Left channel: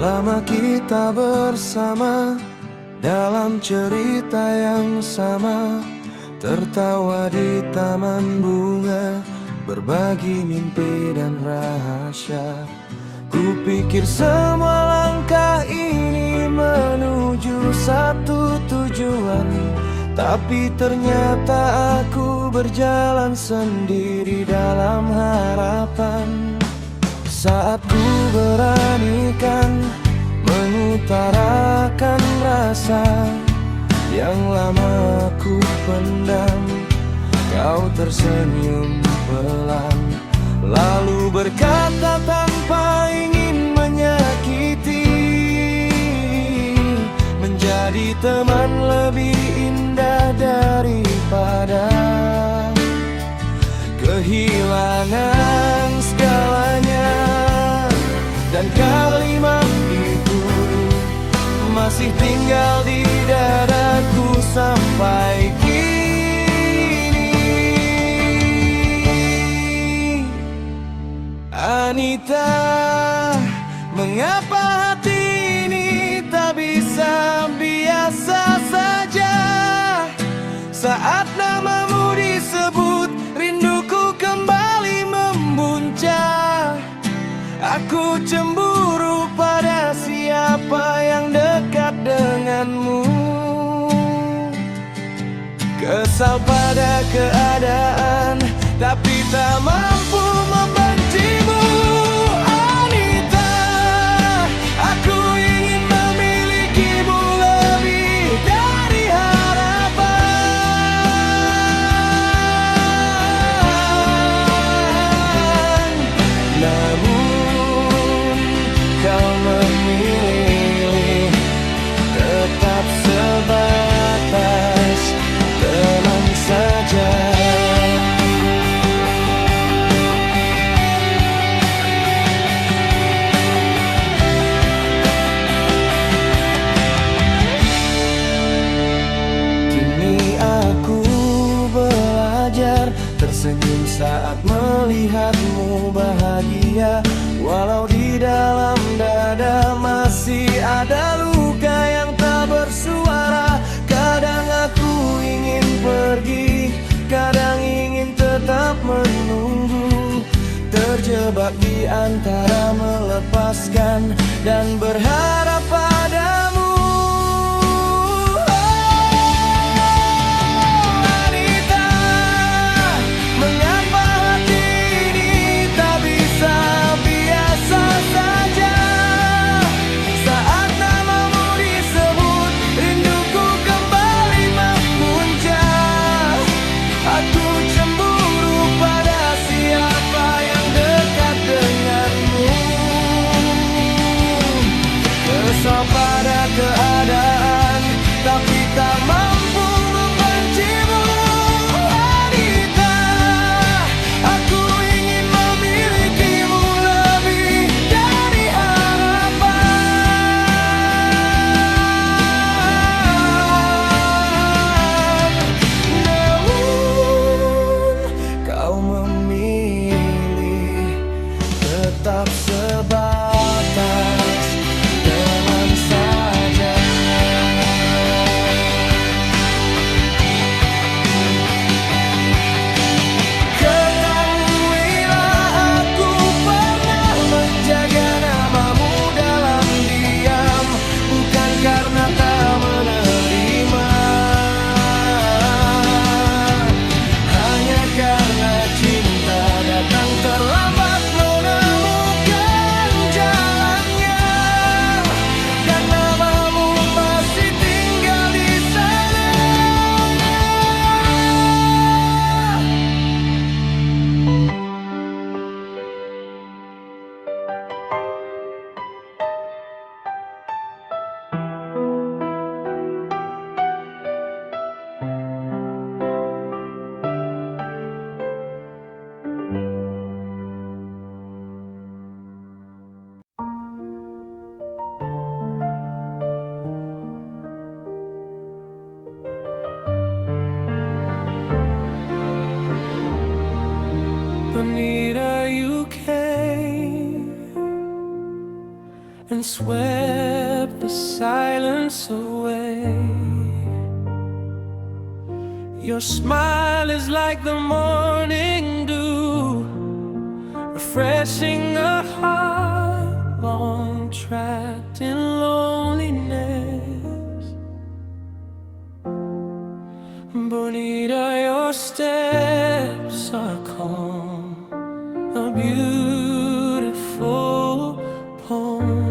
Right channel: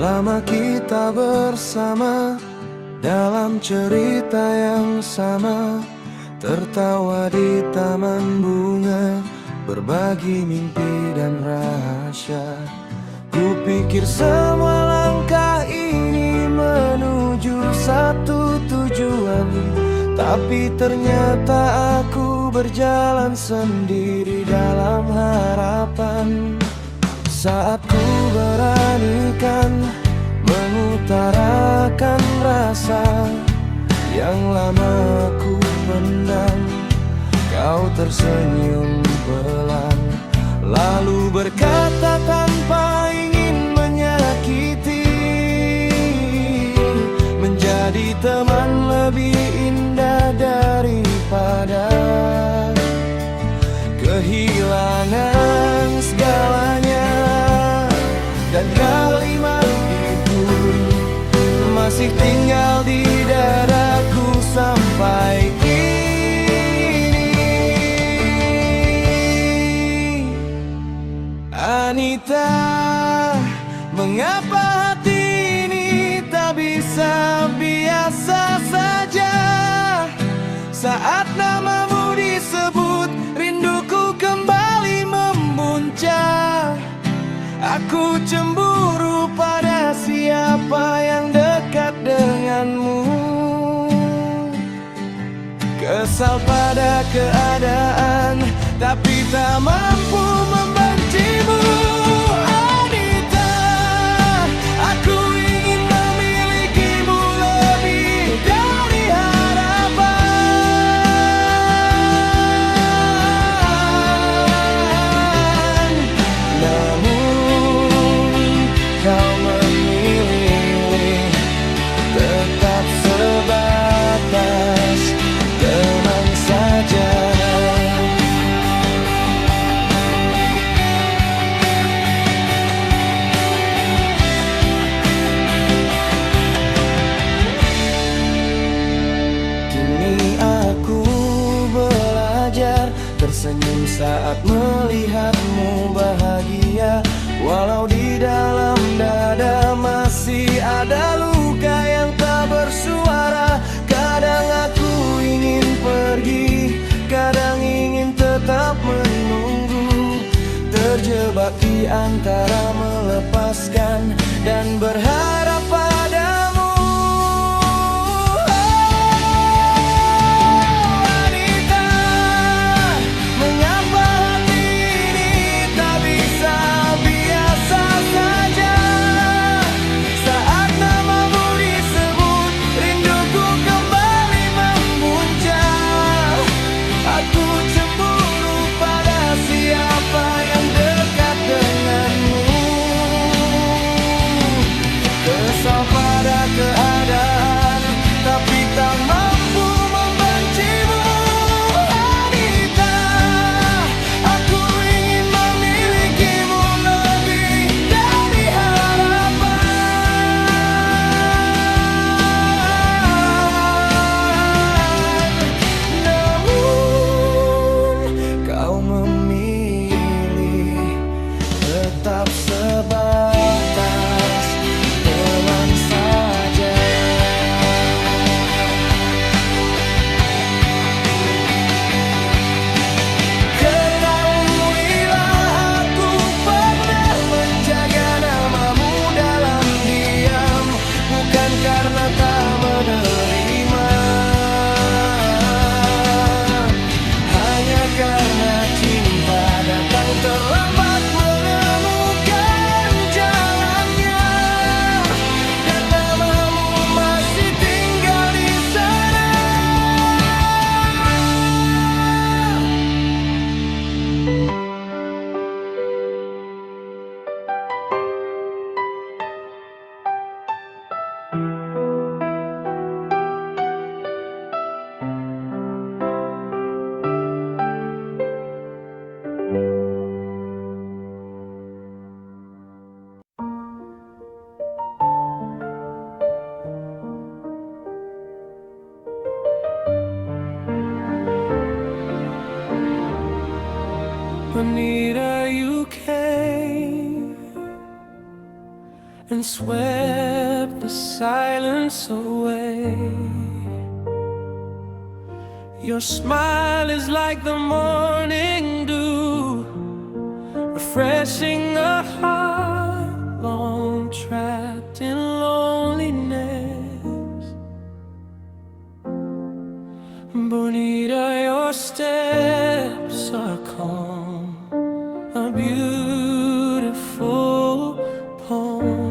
Lama kita bersama dalam cerita yang sama, tertawa di taman bunga, berbagi mimpi dan rahasia. Kupikir semua langkah ini menuju satu tujuan, tapi ternyata aku berjalan sendiri dalam harapan. Saat ku beranikan mengutarakan rasa yang lama ku pendam, kau tersenyum pelan, lalu berkata tanpa ingin menyakiti, menjadi teman lebih indah daripada kehilangan segalanya. Dan kalimat itu masih tinggal di dadaku sampai kini. Anita, mengapa hati ini tak bisa biasa saja? Saat namamu disebut, rinduku kembali membuncah. Aku cemburu pada siapa yang dekat denganmu, kesal pada keadaan, tapi tak mampu membencimu. Anita, aku ingin memilikimu lebih dari harapan. Namun kau memilih tetap sebatas teman saja. Kini aku belajar tersenyum saat melihatmu bahagia, walau di dalam dada masih ada luka yang tak bersuara. Kadang aku ingin pergi, kadang ingin tetap menunggu, terjebak di antara melepaskan dan berharap padamu. Kesal pada keadaan, tapi tak mampu membencimu. Anita, aku ingin memilikimu lebih dari harapan. Namun kau memilih tetap sebatas teman saja. Ketahuilah aku pernah menjaga namamu dalam diam, bukan karena tak menerima, hanya karena cinta datang terlambat menemukan jalannya. Dan namamu masih tinggal di sana. Anita, you came and swept the silence away. Your smile is like the morning dew, refreshing a heart long trapped in loneliness. Bonita, your steps are calm, a beautiful poem,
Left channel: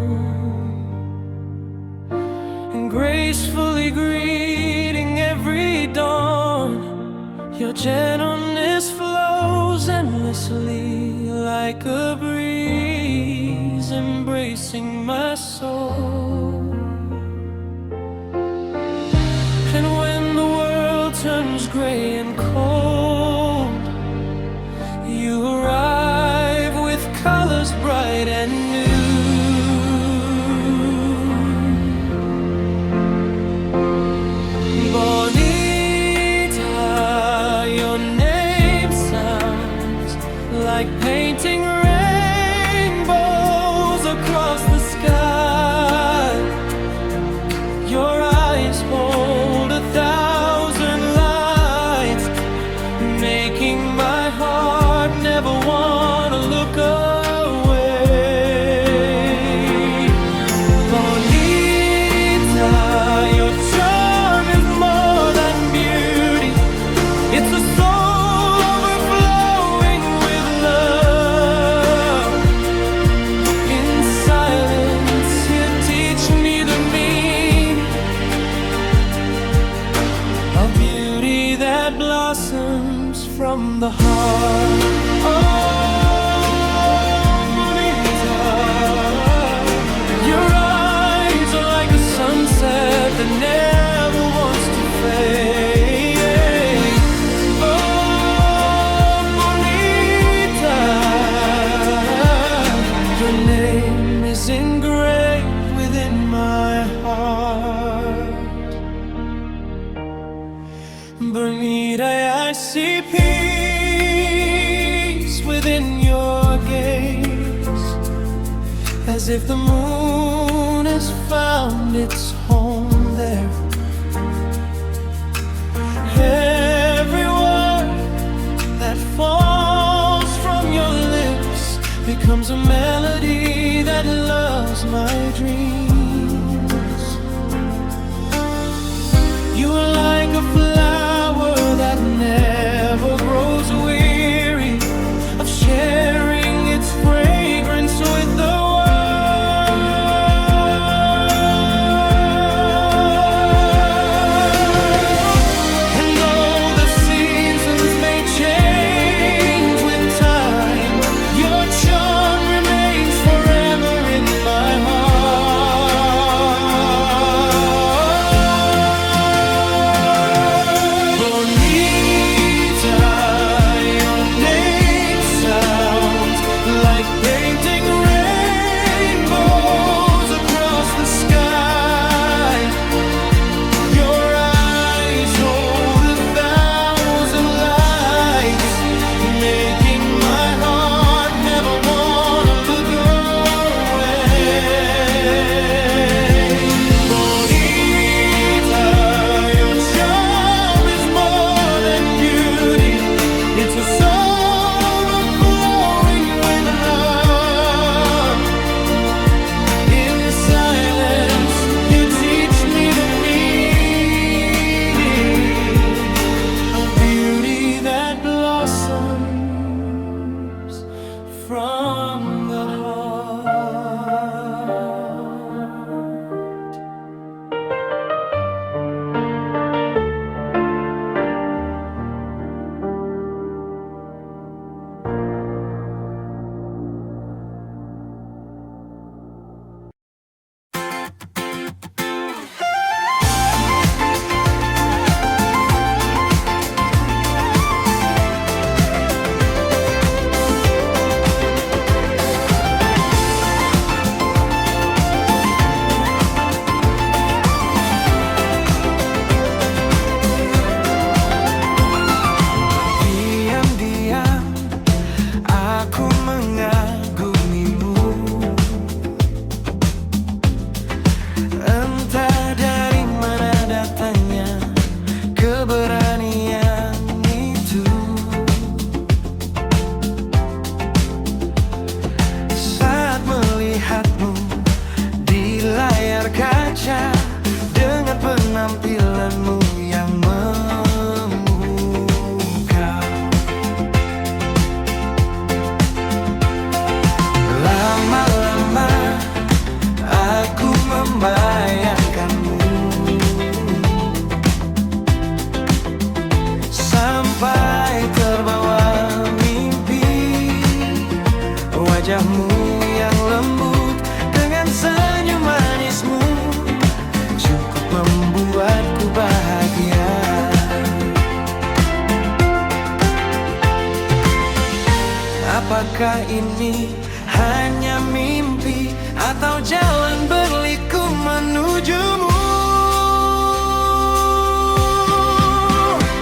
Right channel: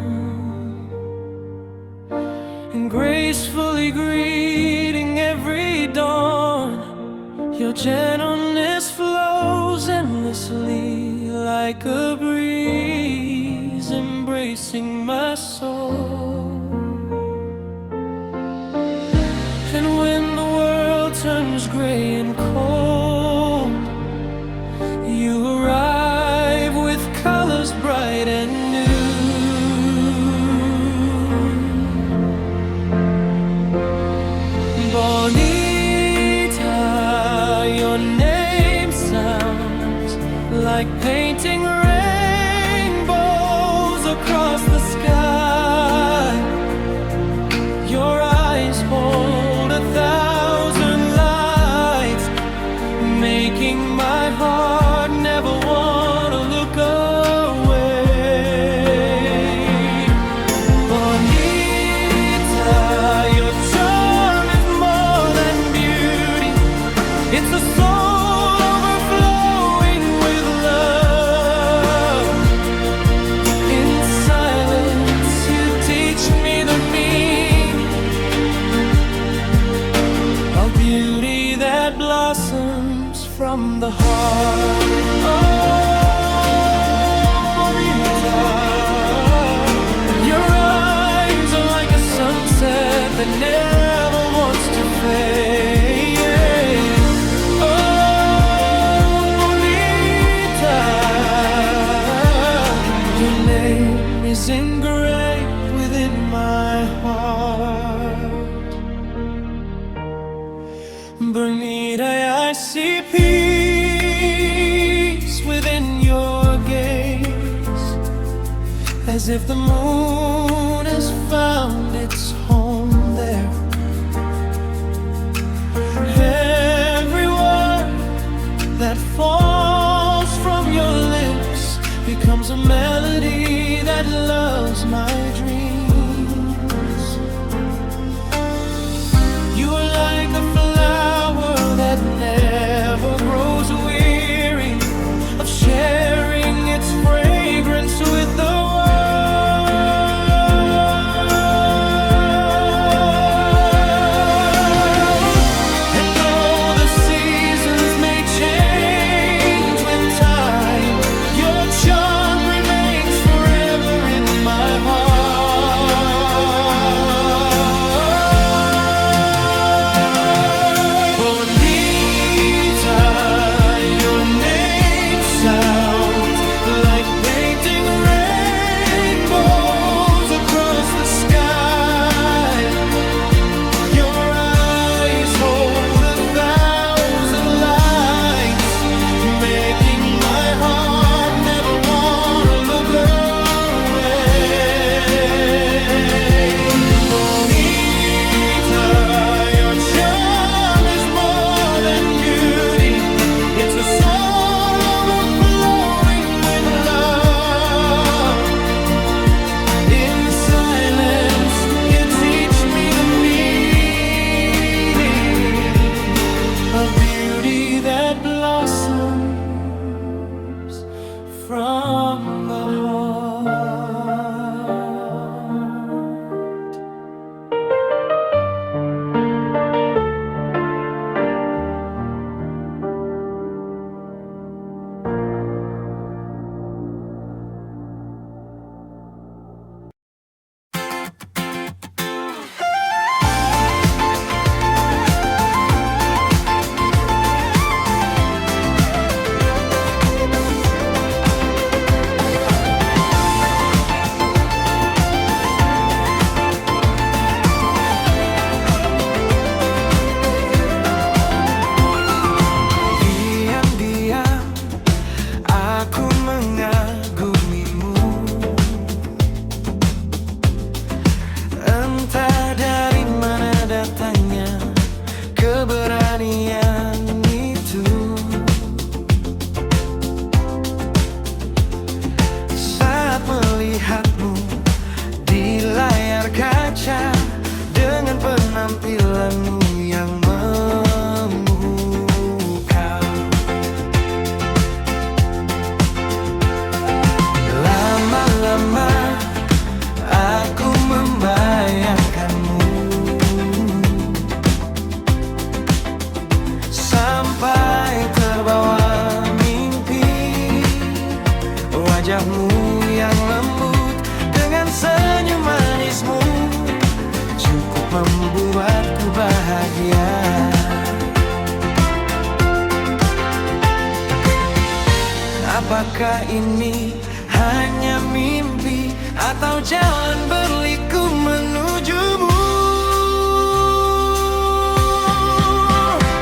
and gracefully greeting every dawn. Your gentleness flows endlessly like a breeze, embracing my soul. And when the world turns gray and cold, you arrive with colors bright and new. Bonita, your name sounds like painting rainbows across the sky. Your eyes hold 1,000 lights, making my heart never want to look away. Bonita, your charm is more than beauty. It's a soul overflowing with love. In silence, you teach me the meaning of beauty that blossoms from the heart. Oh, Bonita, your eyes are like a sunset that never wants to fade. Oh, Bonita, your name is engraved within my heart. Bonita, I see peace within your gaze, as if the moon has found its home there. Every word that falls from your lips becomes a melody that lulls my dreams. You are like a flower that never grows weary of sharing its fragrance with the world. And though the seasons may change with time, your charm remains forever in my heart. Bonita, your name sounds like painting rainbows across the sky. Your eyes hold 1,000 lights, making my heart never want to look away. Bonita, your charm is more than beauty. It's a soul overflowing with love. In silence, you teach me the meaning of beauty that blossoms from the heart. melihatmu di layar kaca dengan penampilanmu yang memukau. Lama-lama aku membayangkanmu sampai terbawa mimpi. Wajahmu yang lembut dengan senyum manismu cukup membuatku bahagia. Apakah ini hanya mimpi atau jalan berliku menujumu?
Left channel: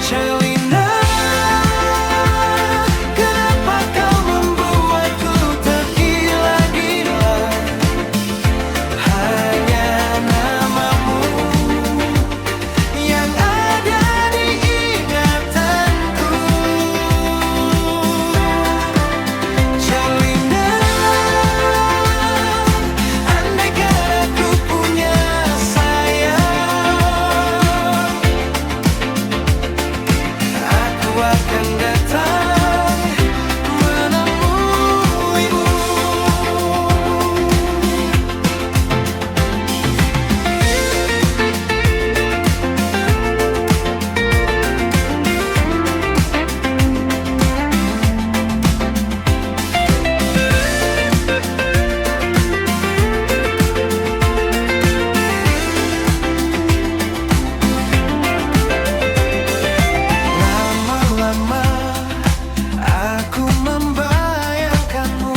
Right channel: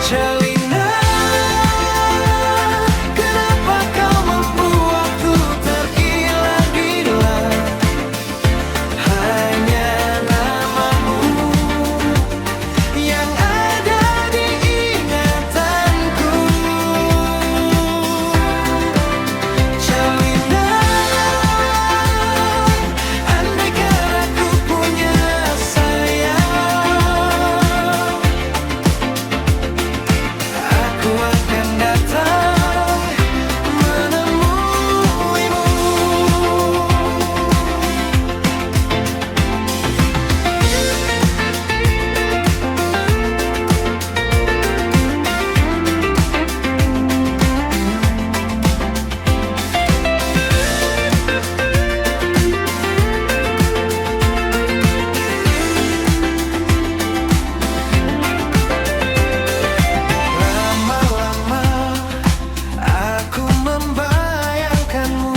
Celina, kenapa kau membuatku tergila-gila? Hanya namamu yang ada di ingatanku. Celina, andaikan aku punya sayap, aku akan datang menemuimu. Lama-lama aku membayangkanmu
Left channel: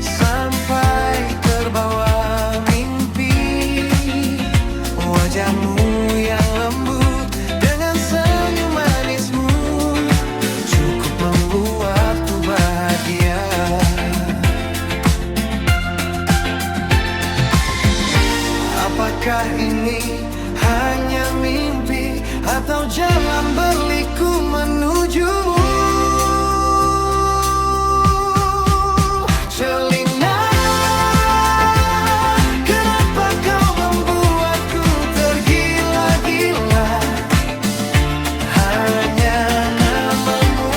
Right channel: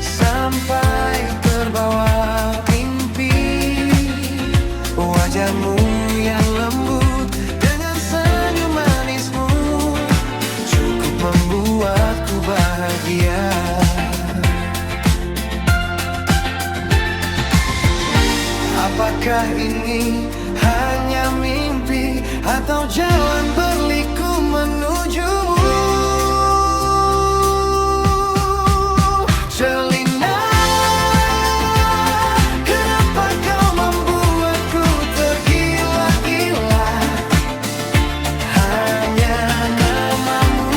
sampai terbawa mimpi. Wajahmu yang lembut dengan senyum manismu cukup membuatku bahagia. Apakah ini hanya mimpi atau jalan berliku menujumu? Celina, kenapa kau membuatku tergila-gila? Hanya namamu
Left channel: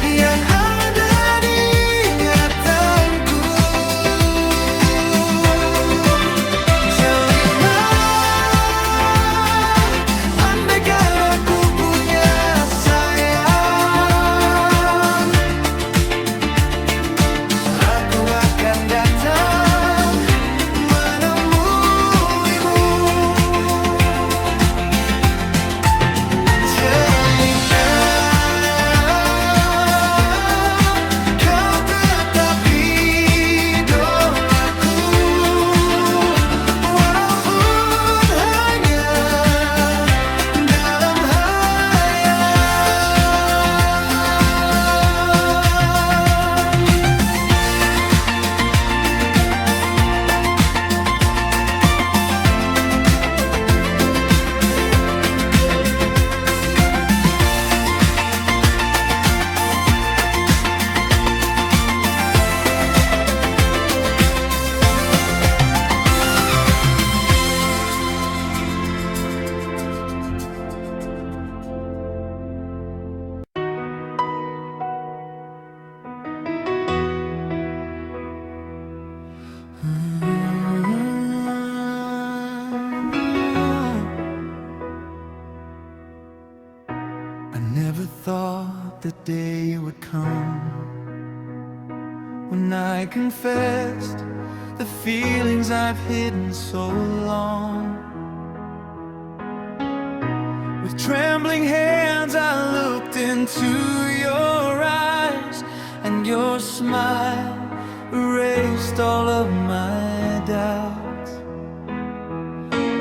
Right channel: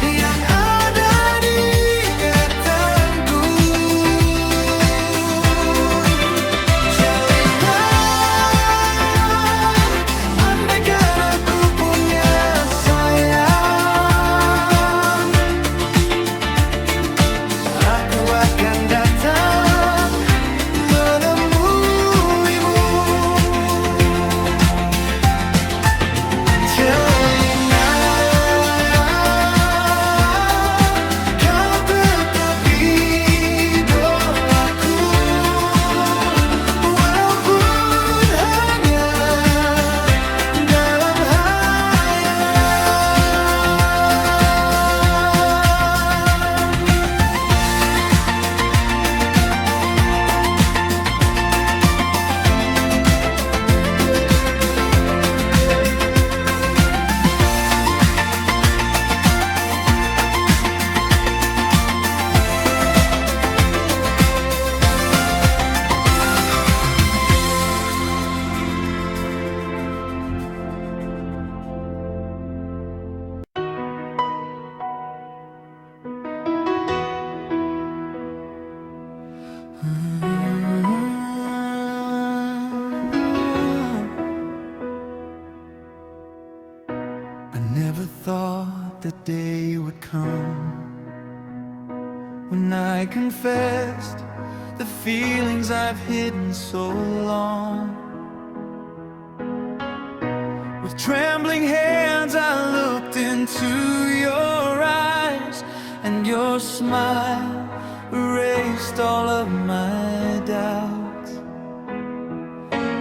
yang ada di ingatanku. Celina, andaikan aku punya sayap, aku akan datang menemuimu. Celina, kau tetap idolaku, walaupun hanya dalam hayalan. I never thought the day would come when I confessed the feelings I've hidden so long. With trembling hands I looked into your eyes, and your smile erased all of my doubts.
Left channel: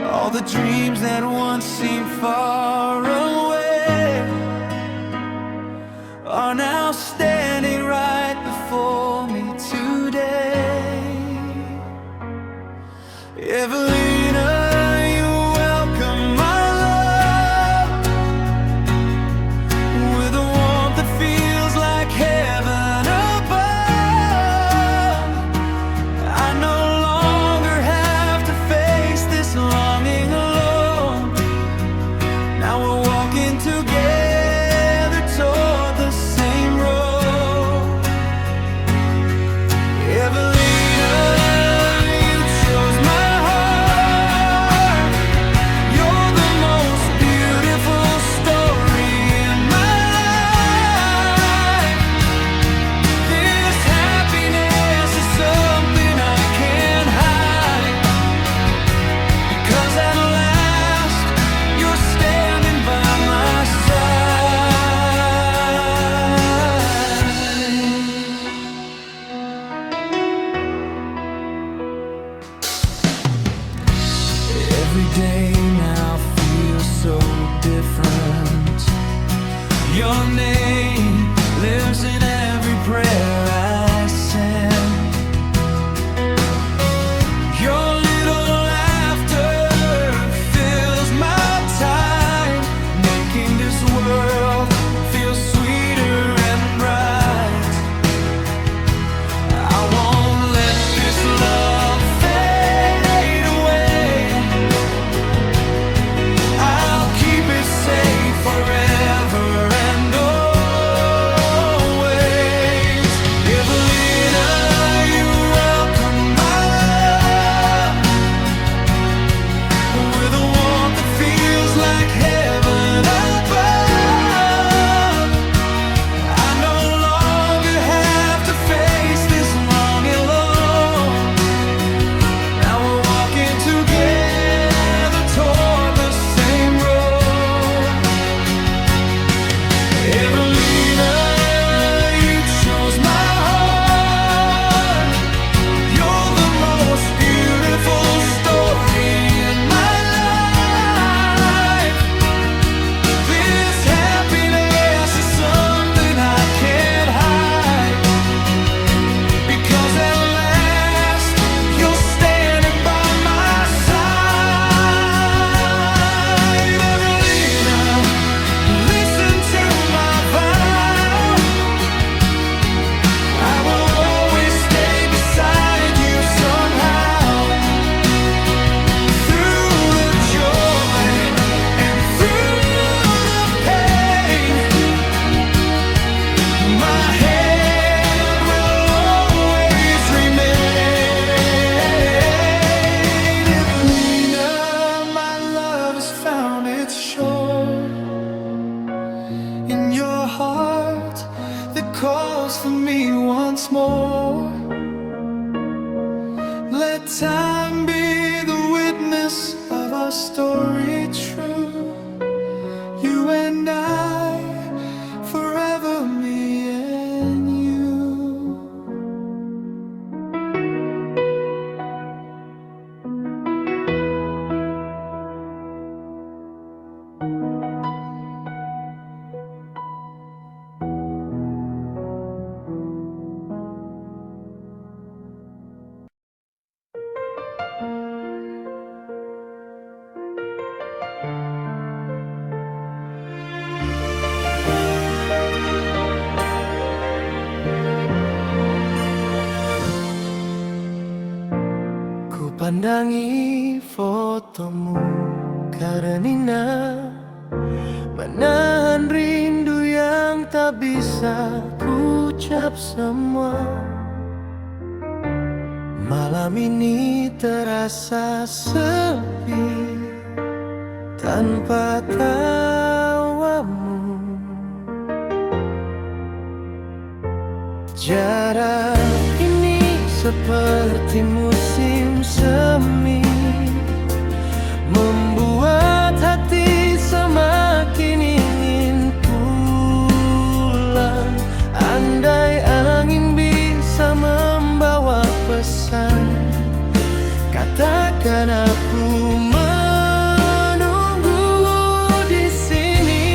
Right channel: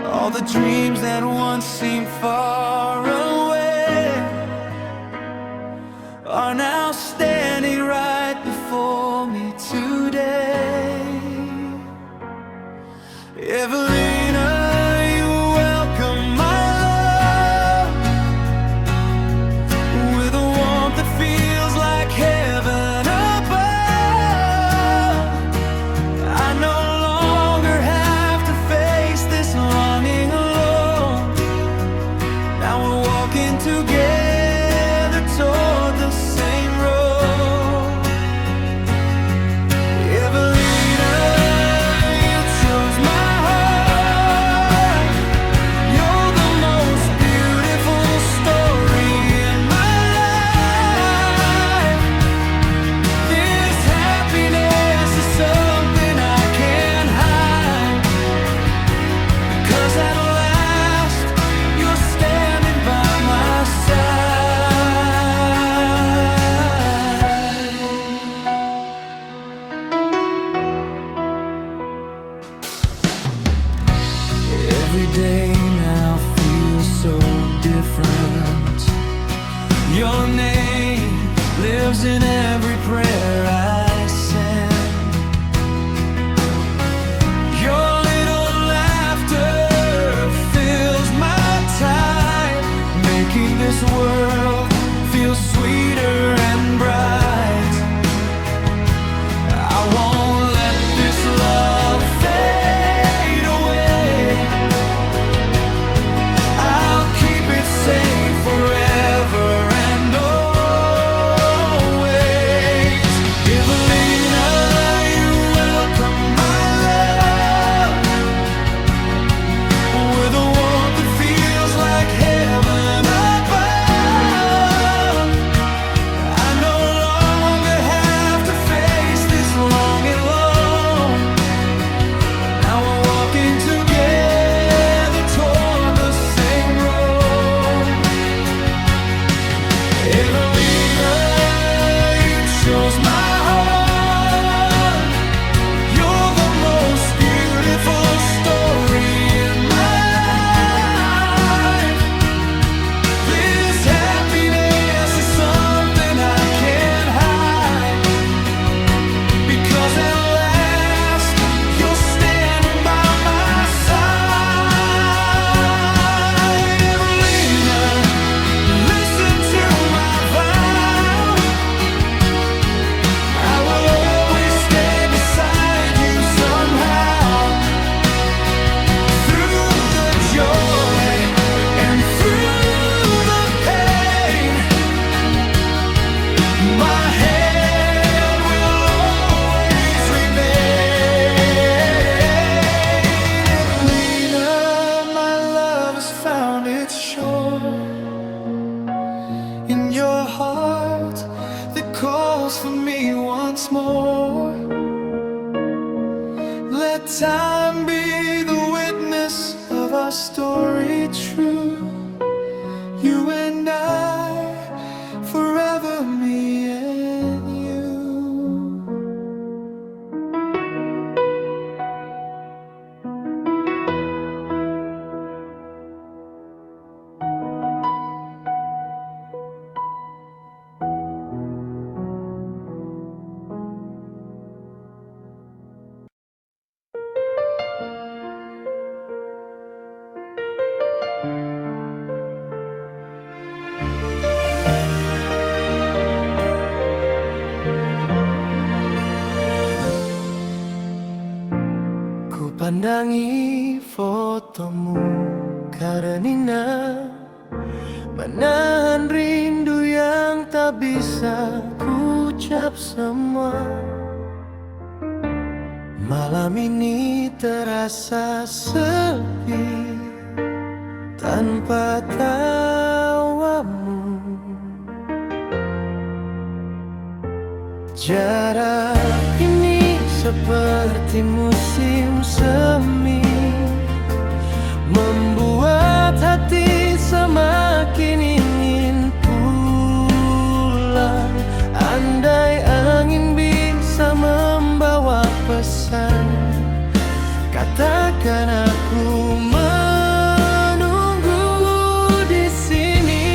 All the dreams that once seemed far away are now standing right before me today. Evelina, you're welcome, my love, with a warmth that feels like heaven. lives in every prayer I send. Your little laughter fills my time, making this world feel sweeter and bright. I won't let this love fade away. I'll keep it safe forever and always. Evelina, you welcome my love with a warmth that feels like heaven above. I no longer have to face this longing alone. Now we're walking together toward the same road. Evelina, you chose my heart. You're the most beautiful story in my life. This happiness is something I can't hide, because at last you're standing by my side. Evelina, listen to my vow. I will always stay beside you somehow. Through the joy and through the pain, my hand will always remain. Evelina, my love has found its shore in your heart that calls for me once more. Let time be the witness of our story true. You and I, forever me and you. Ku pandangi fotomu, Karenina, menahan rindu yang tak bisa ku ucap semua. Malam ini terasa sepi tanpa tawamu. Jarak ini seperti musim semi, membuat hati semakin ingin pulang. Andai angin bisa membawa pesan, katakan aku menunggu di sini.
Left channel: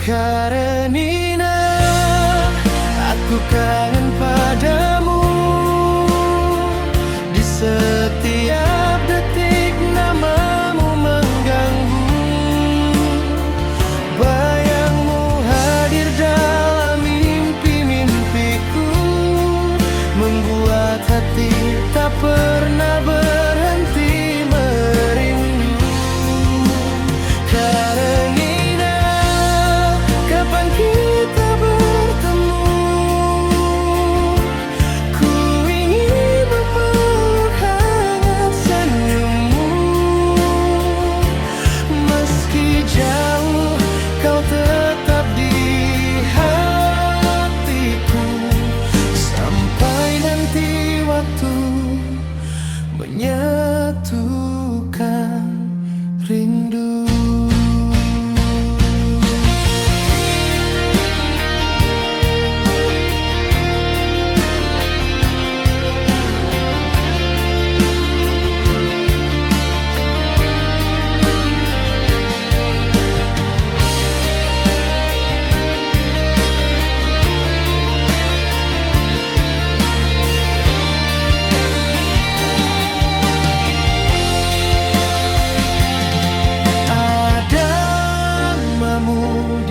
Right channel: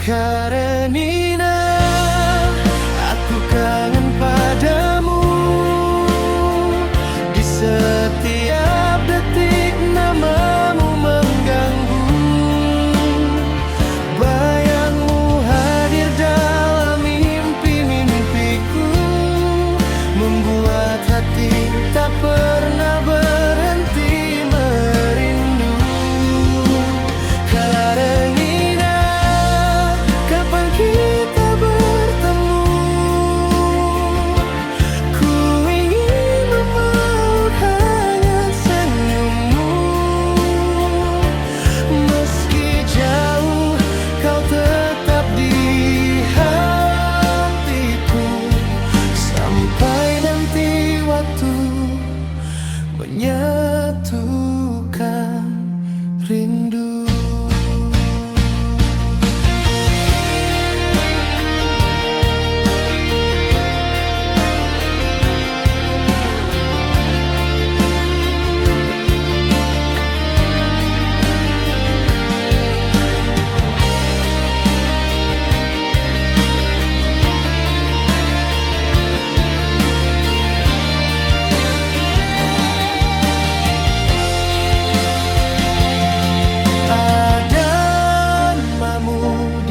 Karenina, aku kangen padamu. Di setiap detik namamu mengganggu. Bayangmu hadir dalam mimpi-mimpiku, membuat hati tak pernah berhenti merindu. Karenina, kapan kita bertemu? Ku ingin memeluk hangat senyummu. Meski jauh, kau tetap di hatiku. Sampai nanti waktu menyatukan rindu.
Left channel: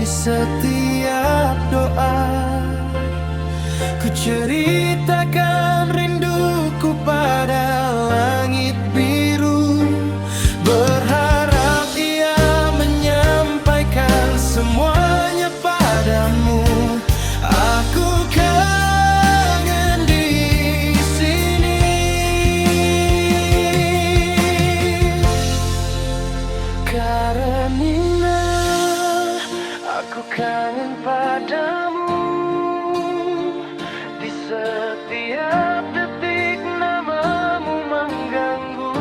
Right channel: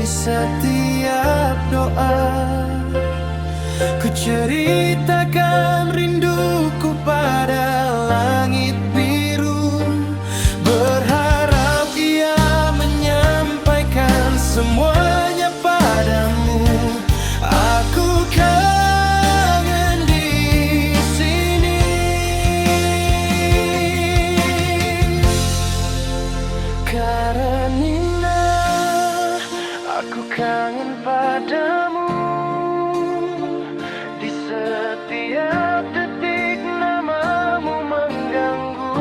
setiap doa. Ku ceritakan rinduku pada langit biru, berharap ia menyampaikan semuanya padamu. Aku kangen di sini. Karenina aku kangen padamu. Di setiap detik namamu mengganggu.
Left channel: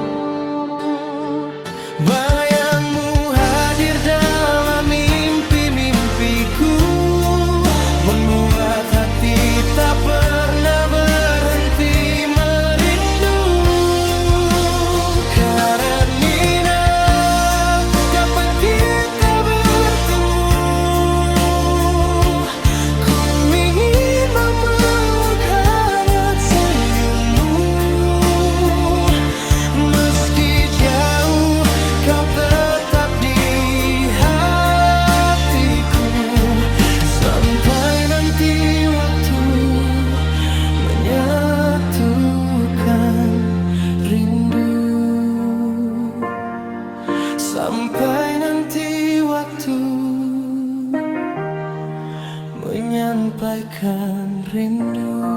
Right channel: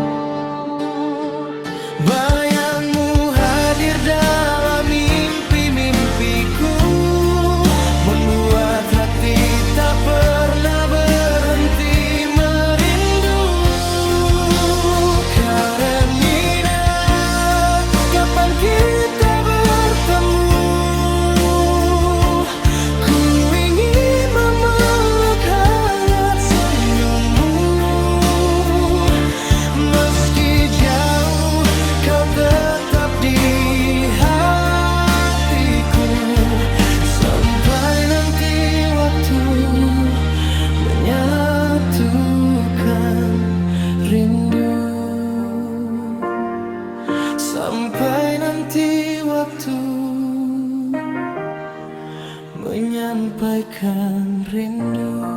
Bayangmu hadir dalam mimpi-mimpiku, membuat hati tak pernah berhenti merindu. Karenina, kapan kita bertemu? Ku ingin memeluk hangat senyummu. Meski jauh, kau tetap di hatiku. Sampai nanti waktu menyatukan rindu. Sampai nanti waktu menyampaikan rindu.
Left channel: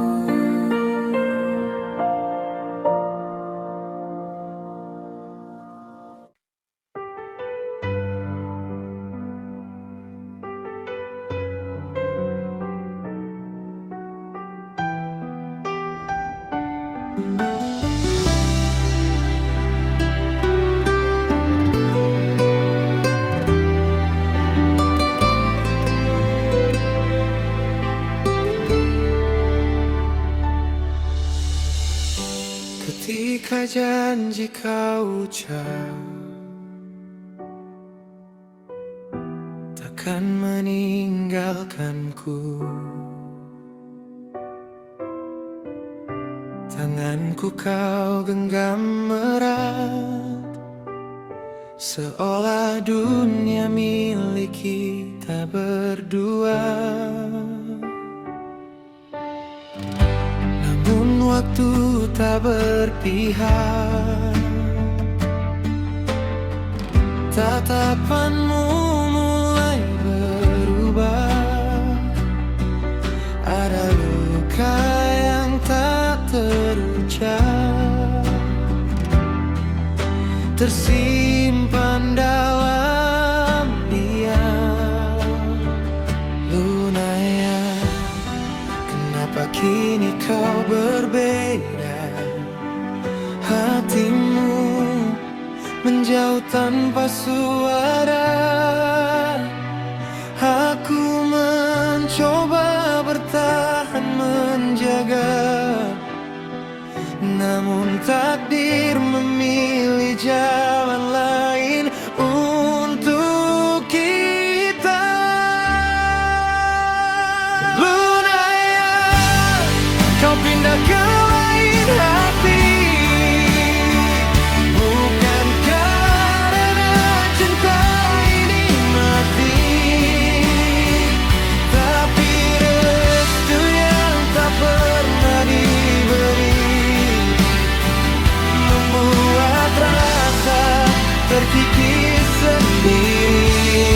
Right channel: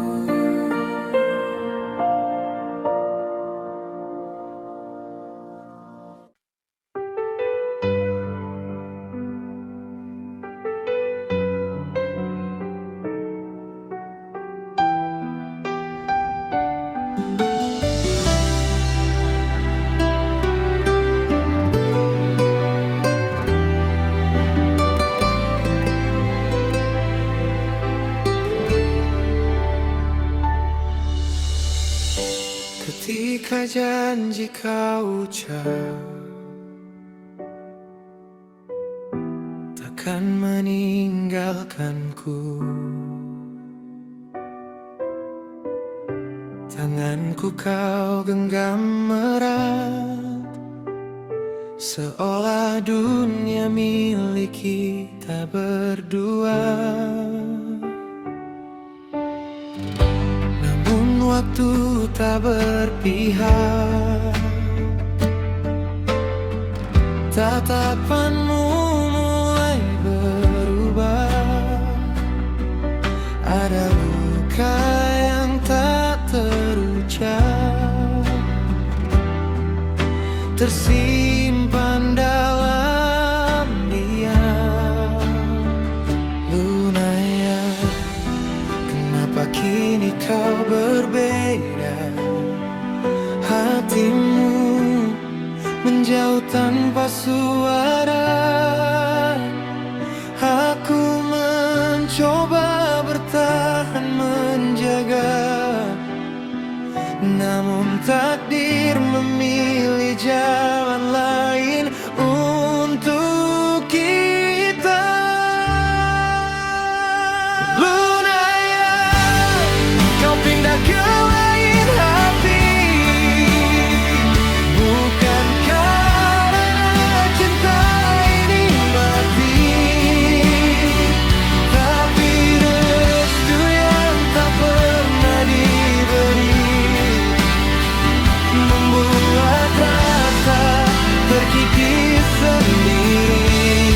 Ketika janji kau ucap takkan meninggalkanku, tanganku kau genggam erat, seolah dunia milik kita berdua. Waktu tak berpihak, tatapanmu mulai berubah. Ada luka yang tak terucap, tersimpan dalam diam. Lunaya, kenapa kini kau berbeda? Hatimu menjauh tanpa suara. Aku mencoba bertahan menjaga, namun takdir memilih jalan lain untuk kita. Lunaya, kau pindah ke lain hati, bukan karena cinta ini mati, tapi restu yang tak pernah diberi, membuat rasa terkikis sendiri.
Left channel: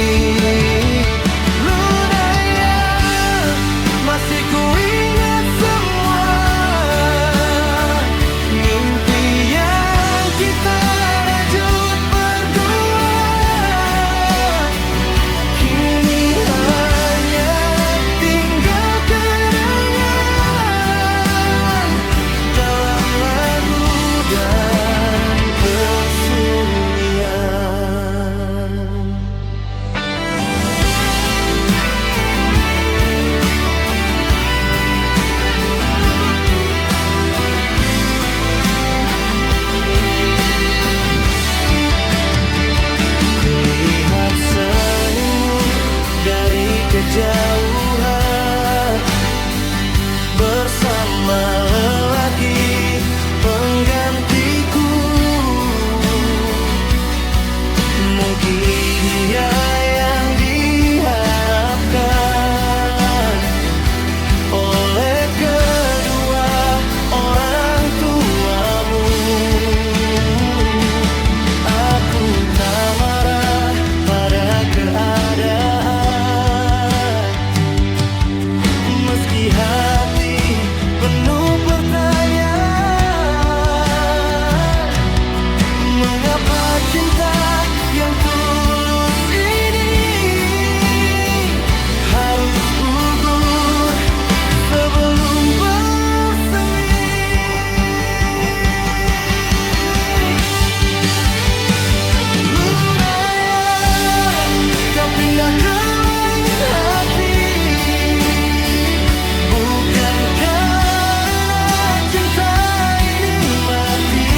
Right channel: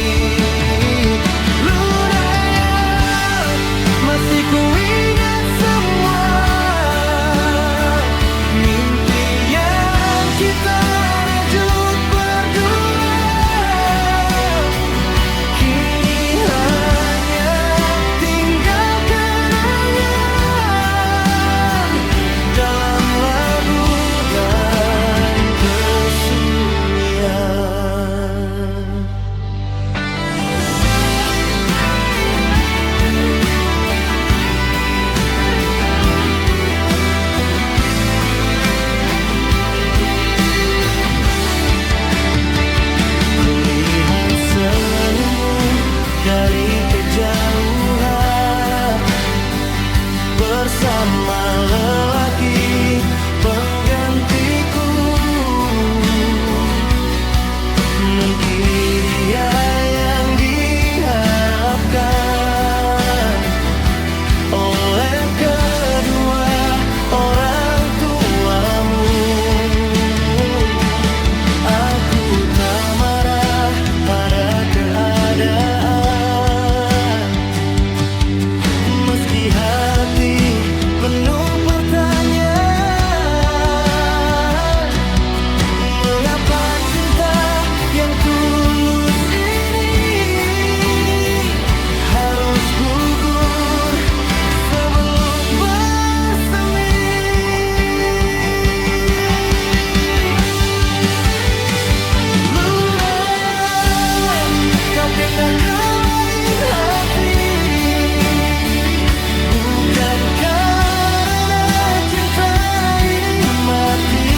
Lunaya, masih ku ingat semua mimpi yang kita rajut berdua. Kini hanya tinggal kenangan dalam lagu dan kesunyian. Kulihat senyummu dari kejauhan, bersama lelaki penggantiku. Mungkin dia yang diharapkan, meski hati penuh pertanyaan. Mengapa cinta yang tulus ini harus gugur sebelum bersemi? Lunaya, kau pindah ke lain hati, bukan karena cinta ini mati,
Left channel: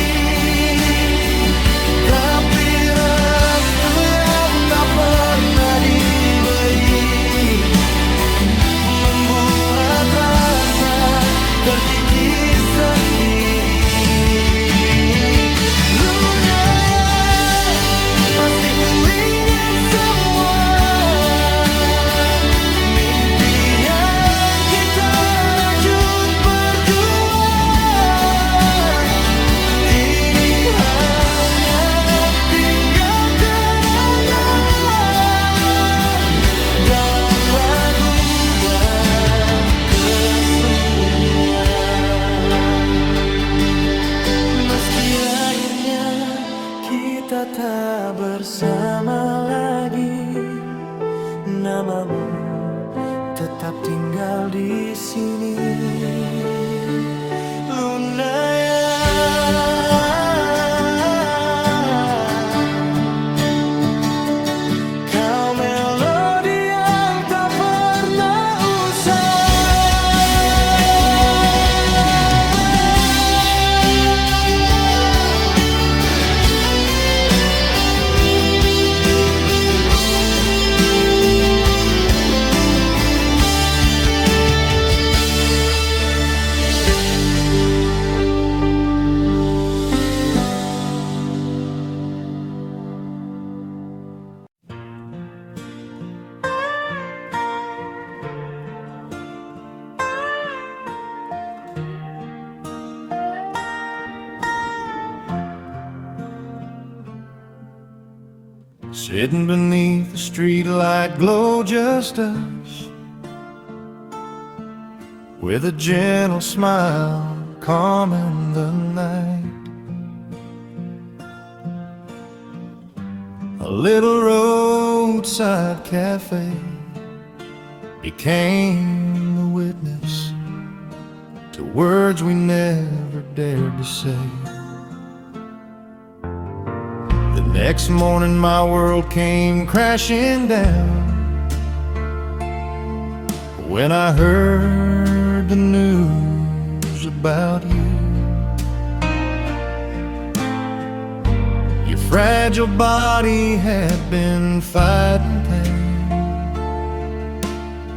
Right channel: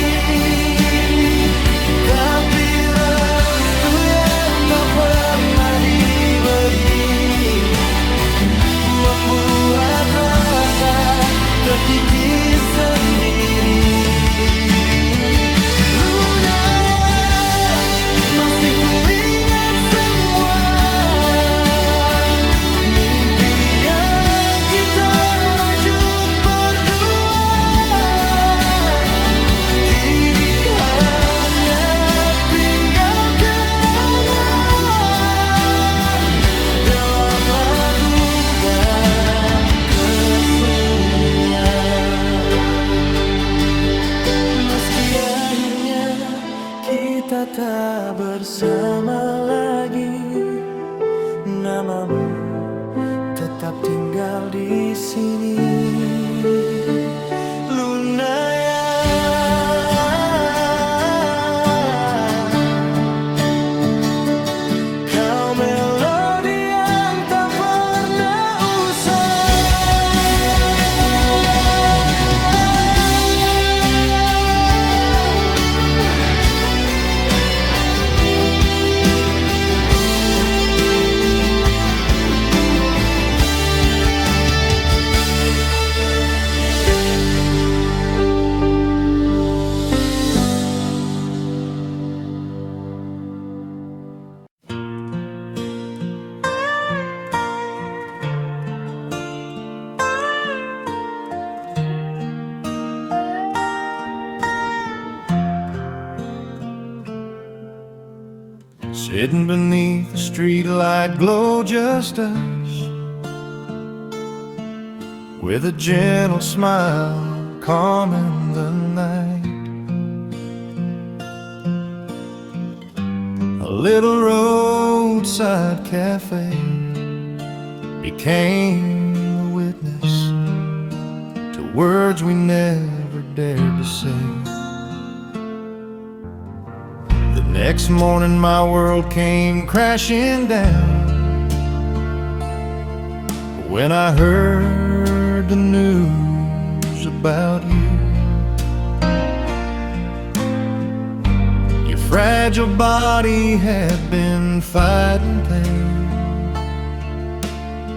tapi restu yang tak pernah diberi membuat rasa terkikis sendiri. Lunaya, masih ku ingat semua mimpi yang kita rajut berdua. Kini hanya tinggal kenangan dalam lagu dan kesunyian. Meski akhirnya kita tak bersama lagi, namamu tetap tinggal di sini. Lunaya, kau melodi yang tak pernah usai. Sitting beneath the streetlight glow, just us, with a gentle smile calming the night. A little roadside cafe became the witness to words we never dared to say. The next morning my world came crashing down when I heard the news about you. Your fragile body had been fighting pain,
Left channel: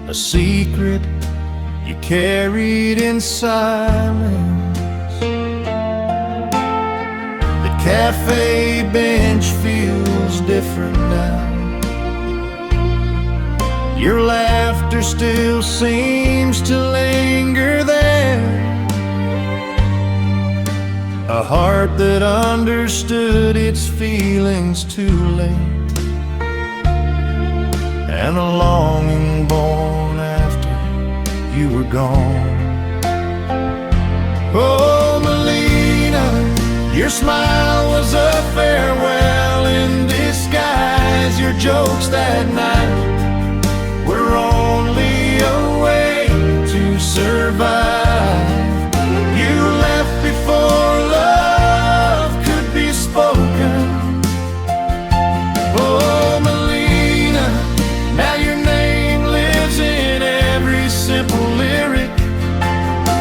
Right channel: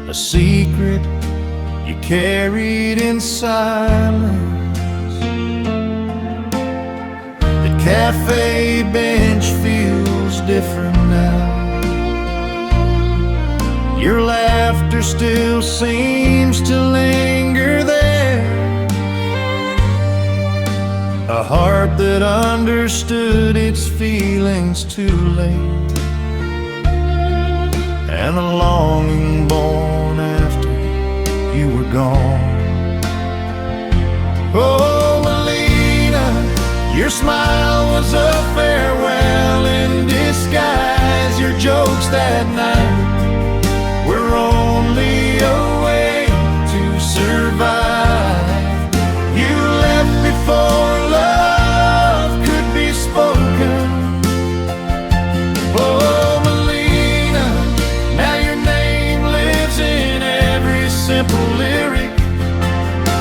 a secret you carried in silence. The cafe bench feels different now. Your laughter still seems to linger there. A heart that understood its feelings too late, and a longing born after you were gone. Oh, Melina, your smile was a farewell in disguise. Your jokes that night were only a way to survive. You left before love could be spoken. Oh, Melina, now your name lives in every simple lyric,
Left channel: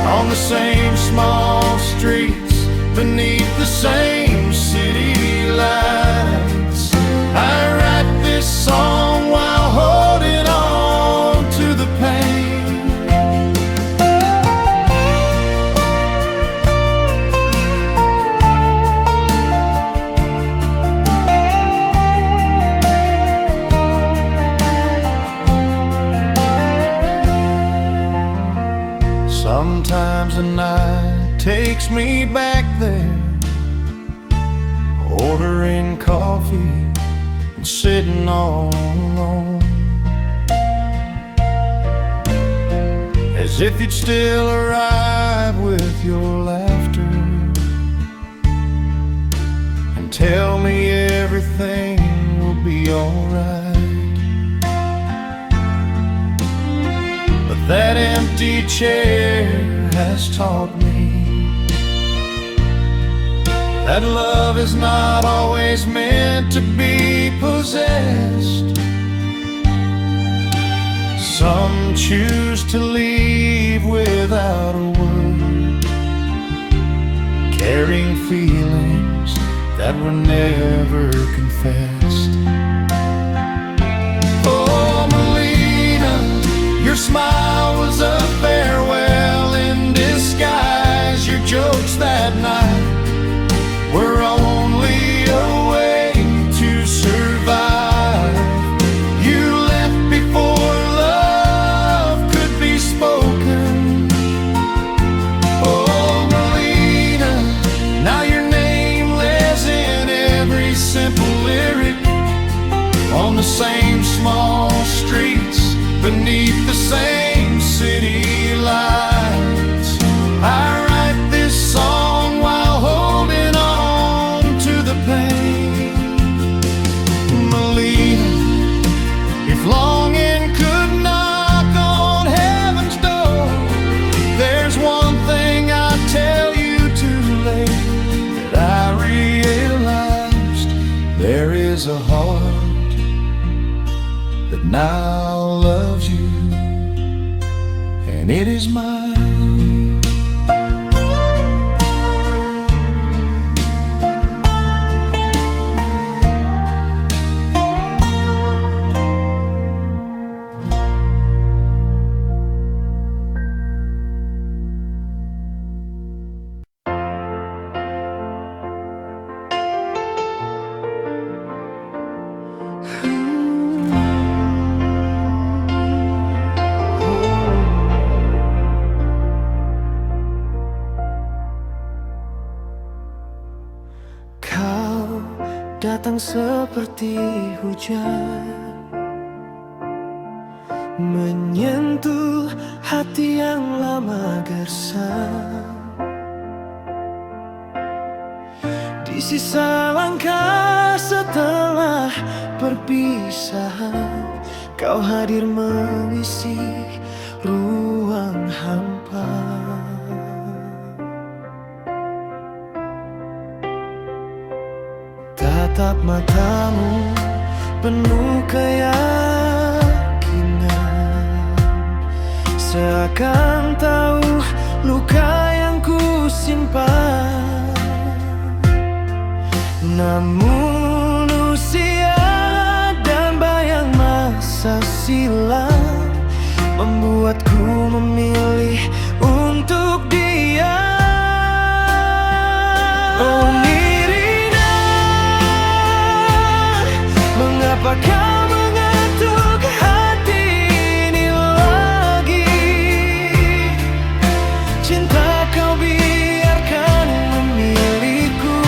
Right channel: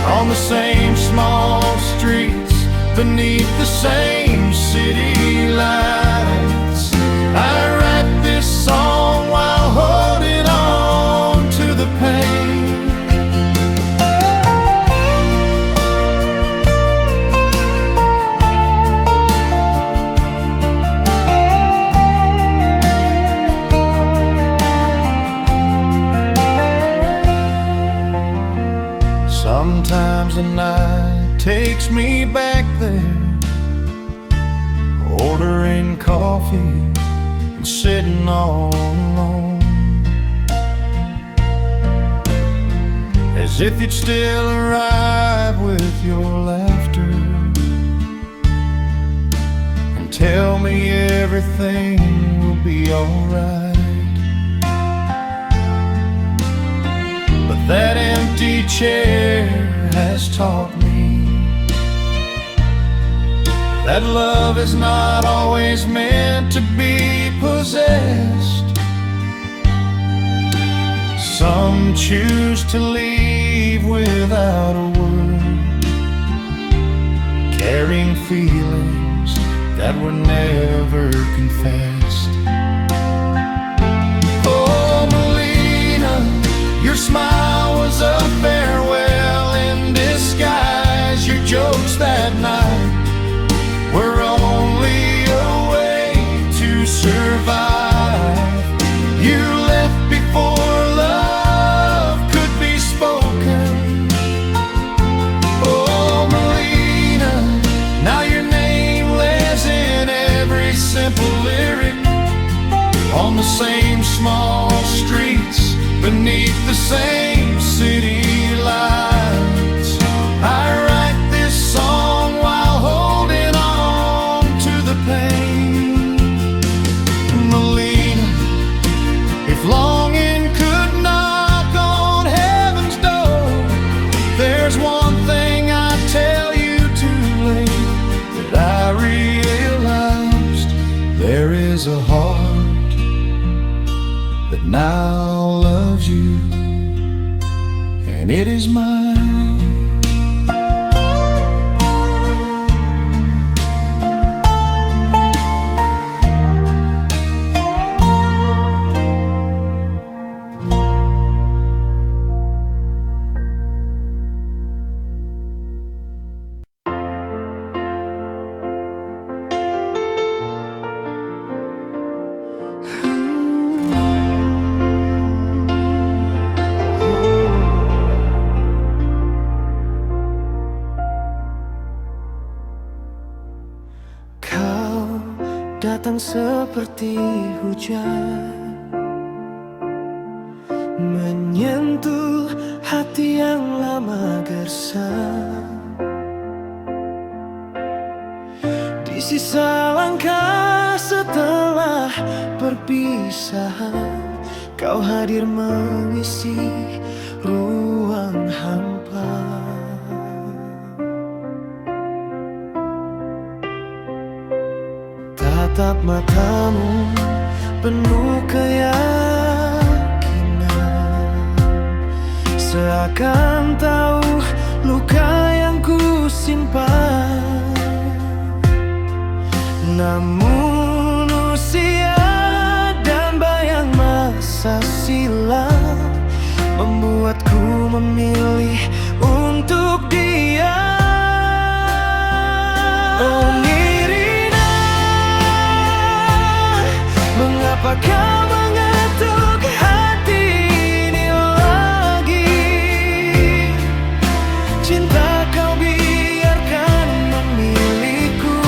on the same small streets, beneath the same city lights. I write this song while holding on to the pain. Sometimes the night takes me back there, ordering coffee and sitting all alone, as as if you'd still arrive with your laughter and tell me everything will be alright. But that empty chair has taught me that love is not always meant to be possessed. Some choose to leave without a word, carrying feelings that were never confessed. Oh, Melina, your smile was a farewell in disguise. Your jokes that night were only a way to survive. You left before love could be spoken. Oh, Melina, now your name lives in every simple lyric, on the same small streets, beneath the same city lights. I write this song while holding on to the pain. Melina, if longing could knock on heaven's door, there's one thing I tell you too late that I realized: there is a heart that now loves you, and it is mine. Kau datang seperti hujan, menyentuh hati yang lama gersang. Di sisa langkah setelah perpisahan, kau hadir mengisi ruang hampa. Tatap matamu penuh keyakinan, seakan tahu luka yang ku simpan. Namun usia dan bayang masa silam membuatku memilih untuk diam. Oh Nirina, mengapa kau mengetuk hati ini lagi? Cinta kau biarkan memiliku.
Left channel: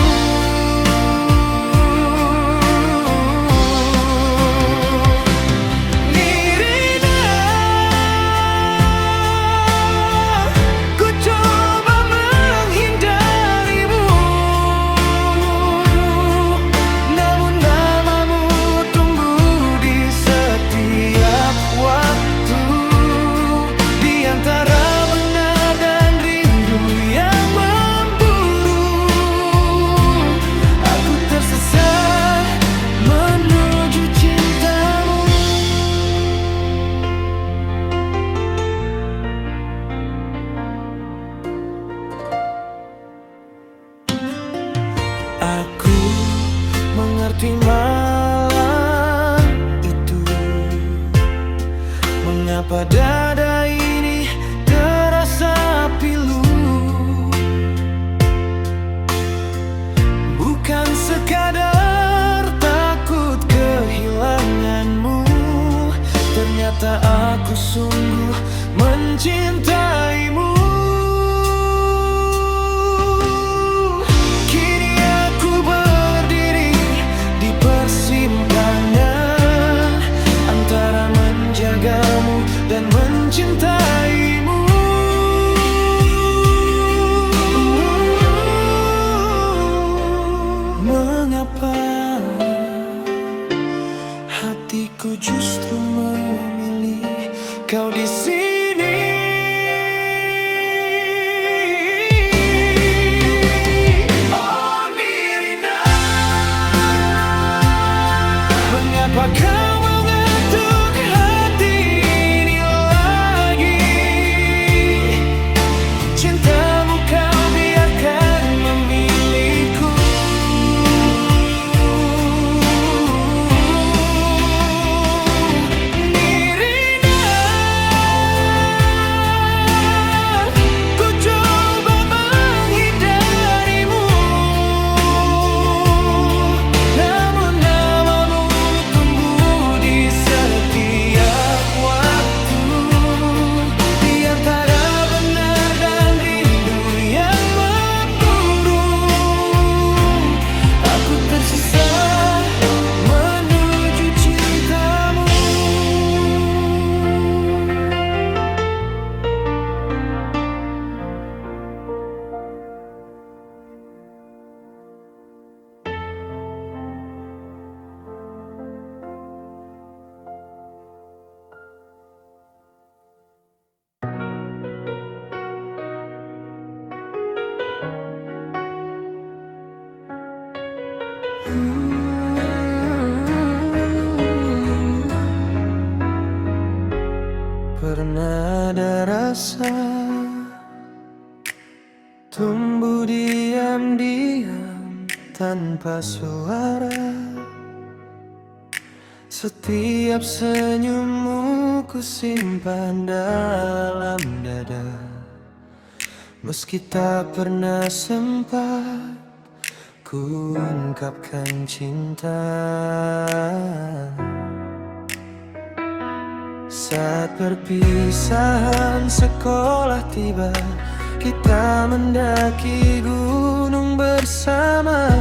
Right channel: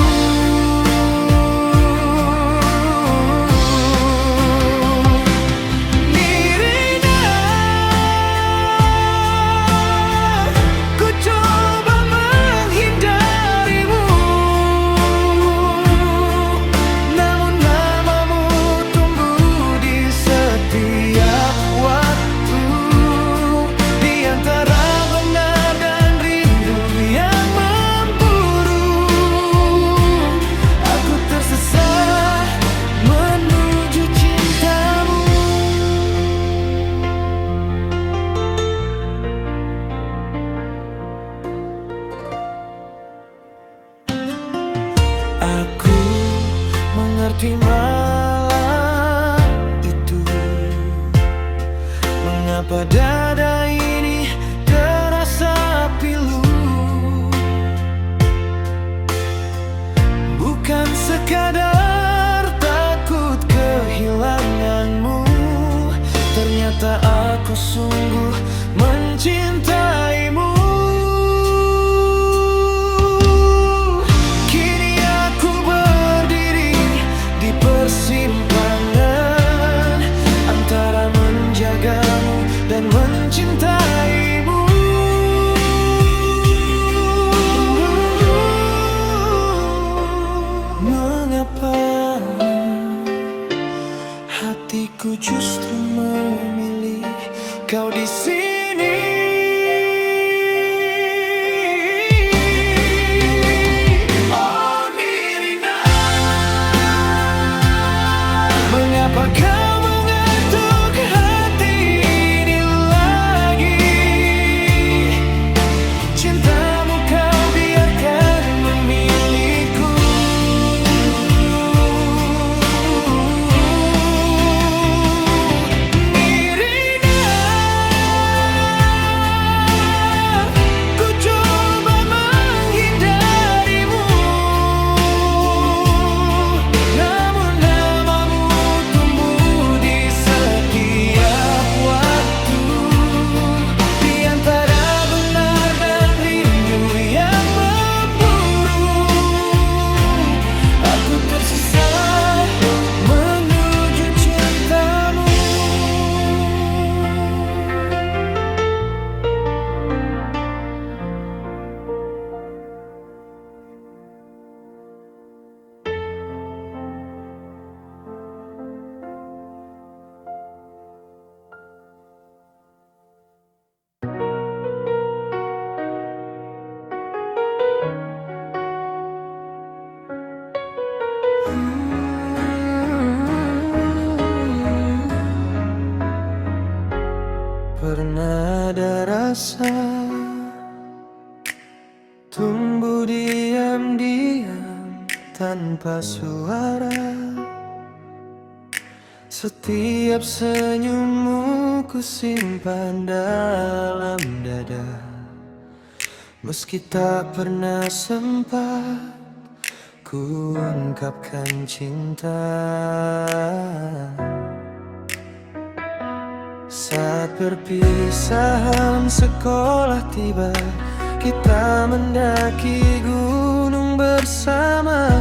Nirina, ku coba menghindarimu, namun namamu tumbuh di setiap waktu. Di antara benar dan rindu yang memburu, aku tersesat menuju cintamu. Aku mengerti malam itu, mengapa dada ini terasa pilu. Bukan sekadar takut kehilanganmu, ternyata aku sungguh mencintaimu. Kini aku berdiri di persimpangan antara menjagamu dan mencintaimu. mengapa hatiku justru memilih kau di sini. Oh Nirina, mengapa kau mengetuk hati ini lagi? Cintamu kau biarkan memilihku. Nirina, ku coba menghindarimu, namun namamu tumbuh di setiap waktu. Di antara benar dan rindu yang memburu, aku tersesat menuju cintamu. Pernah ada rasa tumbuh diam-diam tanpa suara. Setiap senyummu ku simpan dalam dada, meski tak pernah sempat ku ungkapkan cinta. Saat perpisahan sekolah tiba, kita mendaki gunung bersama.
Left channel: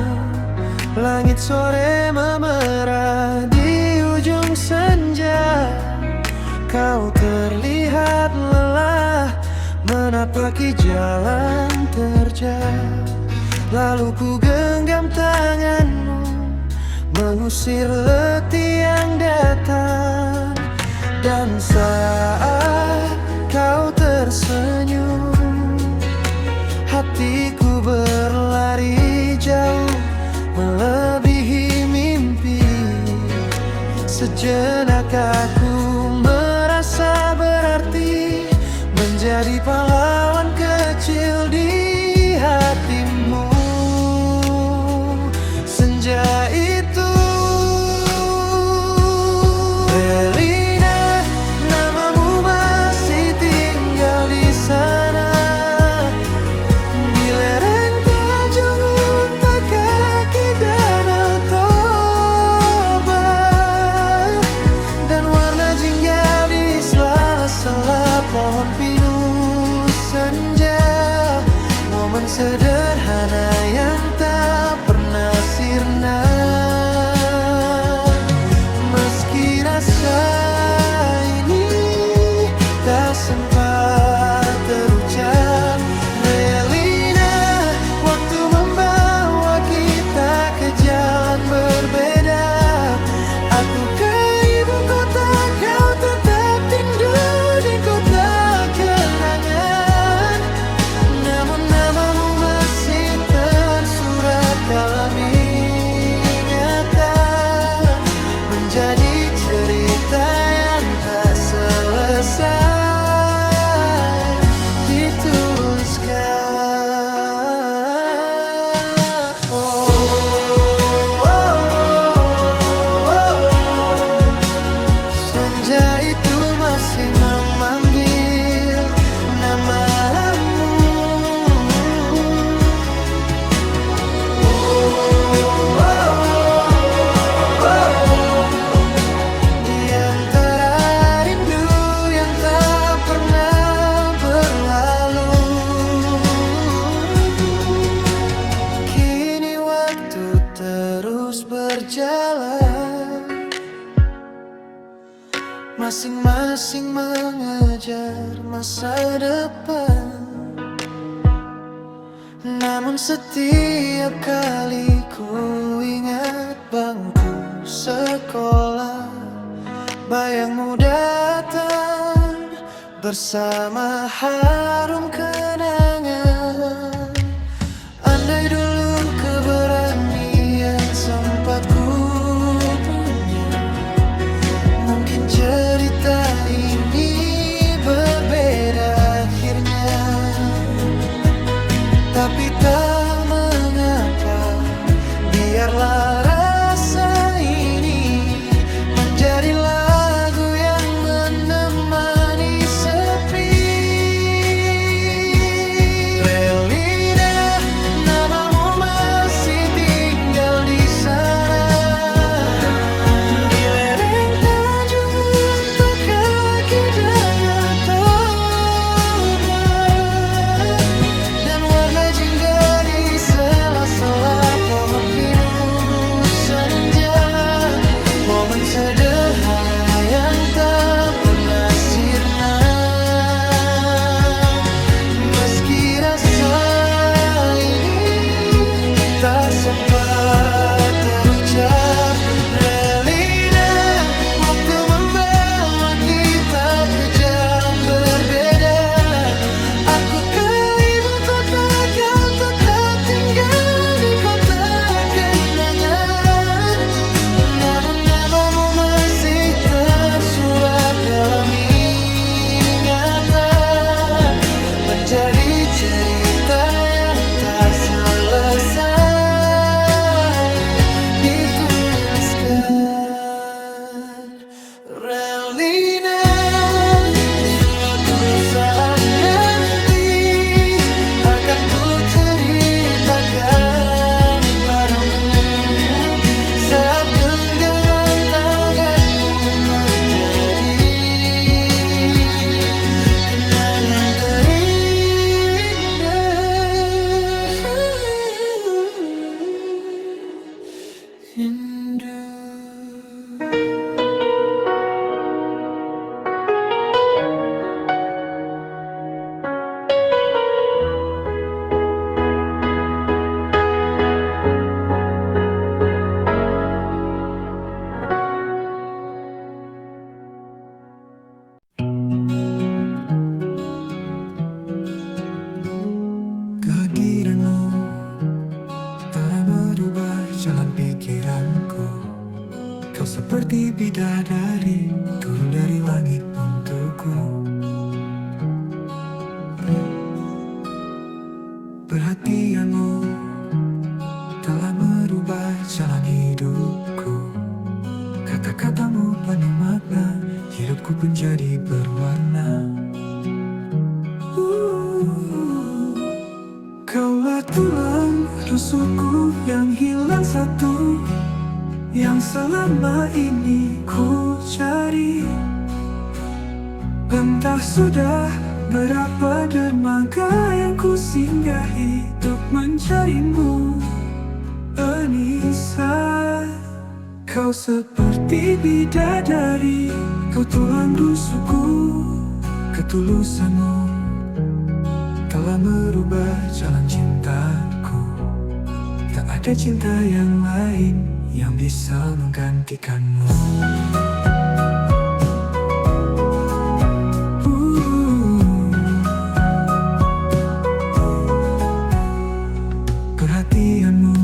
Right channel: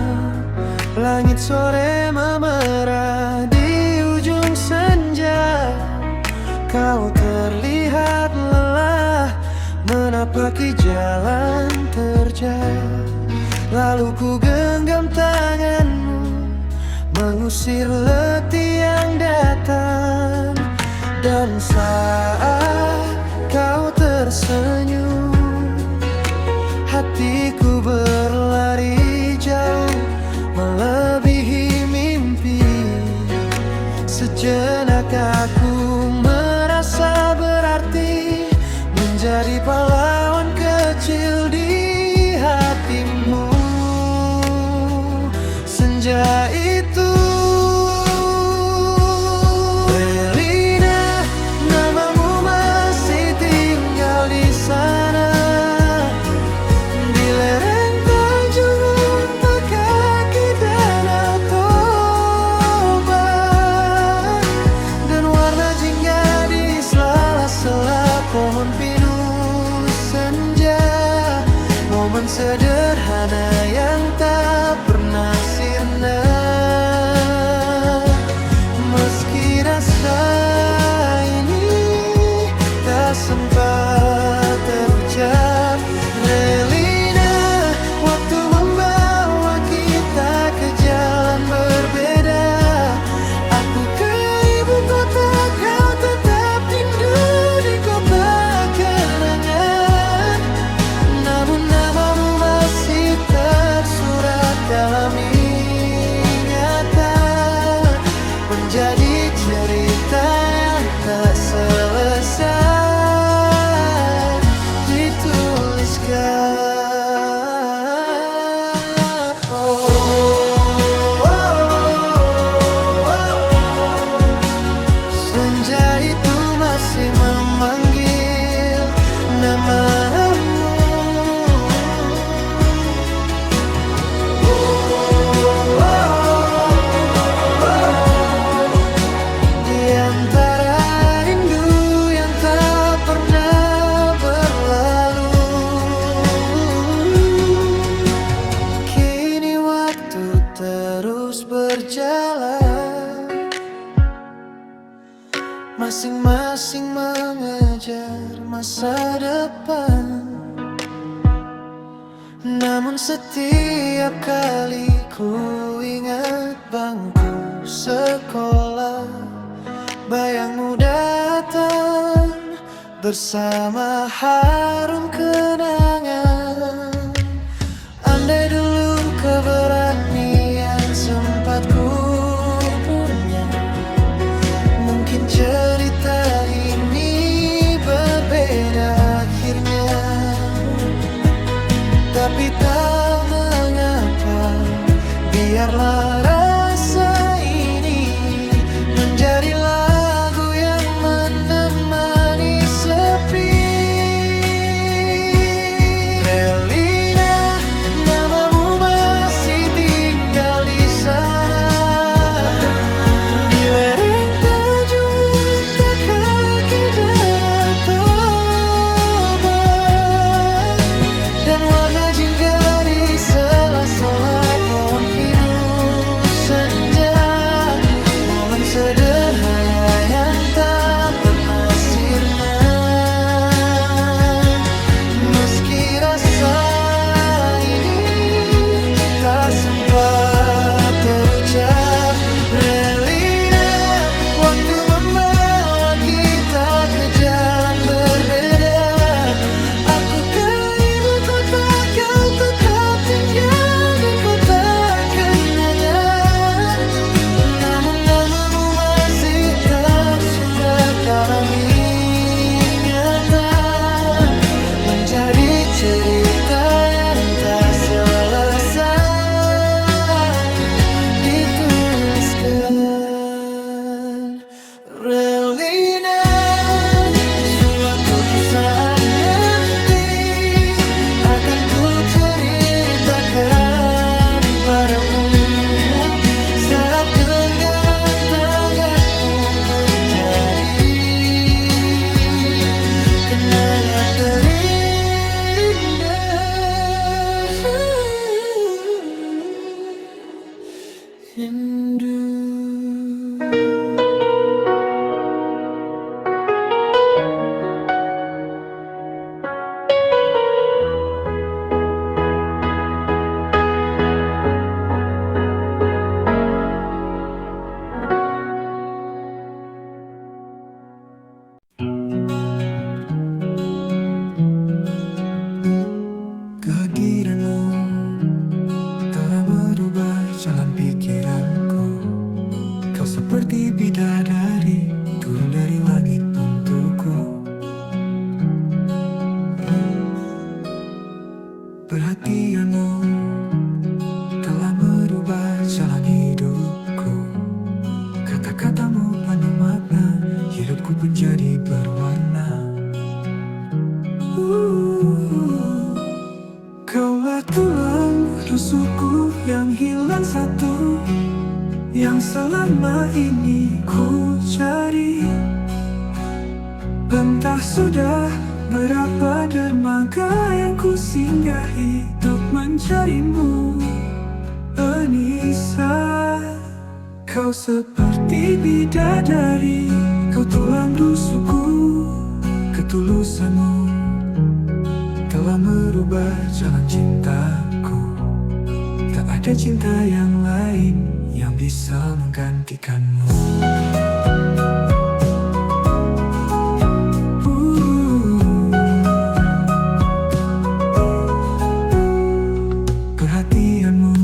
Langit sore memerah di ujung senja. Kau terlihat lelah menapaki jalan terjal. Lalu ku genggam tanganmu, mengusir letih yang datang. Dan saat kau tersenyum, hatiku berlari jauh melebihi mimpi. Sejenak aku merasa berarti, menjadi pahlawan kecil di hatimu. Senja itu Relina, namamu masih tinggal di sana, di lereng Tanjung Unta kaki Danau Toba. Dan warna jingga di sela-sela pohon pinus senja. Momen sederhana yang tak pernah sirna. Meski rasa ini tak sempat terucap, Relina, waktu membawa kita ke jalan berbeda. Aku ke ibu kota, kau tetap rindu di kota kenangan. Namun namamu masih tersurat dalam ingatan, menjadi cerita yang tak selesai dituliskan. Oh, oh, oh, oh. Senja itu masih memanggil namamu. Di antara rindu yang tak pernah berlalu, kini waktu terus berjalan. Masing-masing mengejar masa depan. Namun setiap kali ku ingat bangku sekolah, bayangmu datang bersama harum kenangan. Andai dulu keberanian sempat ku punya, mungkin cerita ini berbeda akhirnya. Tapi tak mengapa, biarlah rasa ini menjadi lagu yang menemani sepi. Relina, namamu masih tinggal di sana, di lereng Tanjung Unta kaki Danau Toba, dan warna jingga di sela-sela pohon pinus senja. Momen sederhana yang tak pernah sirna, meski rasa ini tak sempat terucap. Relina, waktu membawa kita ke jalan berbeda. Aku ke ibu kota, kau tetap tinggal di kota kenangan. Namun namamu masih tersurat dalam ingatan, menjadi cerita yang tak selesai dituliskan. Relina, suatu saat nanti akan ku ceritakan padamu, saat genggaman tanganmu menjadi kenangan terindah. Rindu. Kehadiranmu telah merubah jalan pikiranku. Kau seperti bidadari turun dari langit untukku. Perhatianmu telah merubah jalan hidupku. Kata-katamu penuh makna, hidupku menjadi berwarna. Kaulah tulang rusukku yang hilang satu, yang selama ini ku cari. Entah sudah berapa dermaga yang ku singgahi untuk mencarimu, Anissa. Kau seperti bidadari, kau tulang rusukku. Ketulusanmu telah merubah jalan cintaku. Tak ada cinta yang lain yang bisa menggantikanmu. Perhatianmu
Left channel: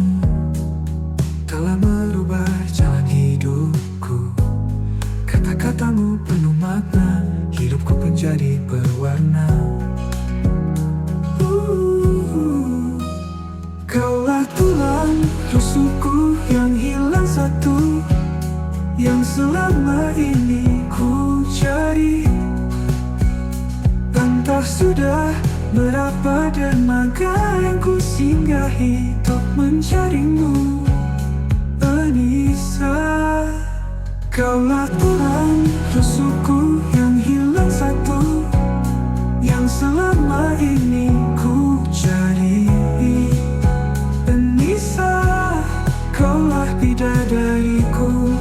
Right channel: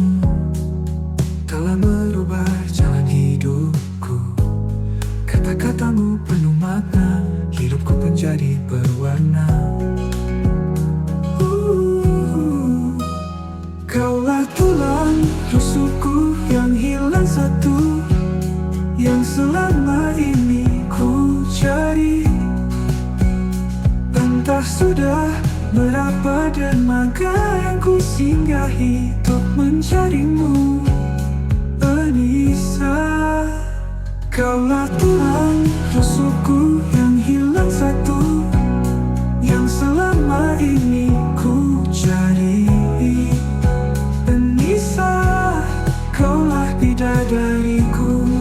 telah merubah jalan hidupku. Kata-katamu penuh makna, hidupku menjadi berwarna. Kaulah tulang rusukku yang hilang satu, yang selama ini ku cari. Entah sudah berapa dermaga yang ku singgahi untuk mencarimu, Anissa. Kaulah tulang rusukku yang hilang satu, yang selama ini ku cari. Anissa, kaulah bidadariku.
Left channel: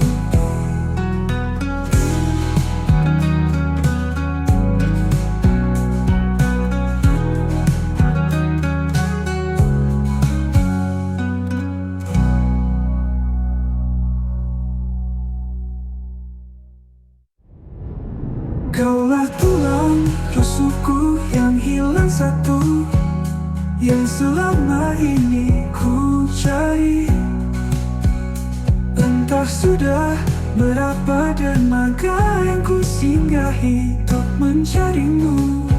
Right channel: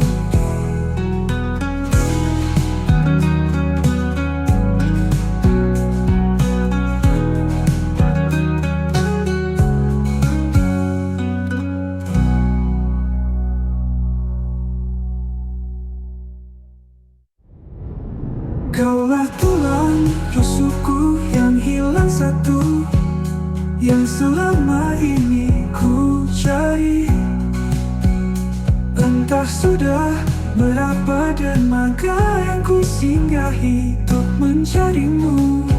rusukku yang hilang satu, yang selama ini ku cari. Entah sudah berapa dermaga yang ku singgahi untuk mencarimu.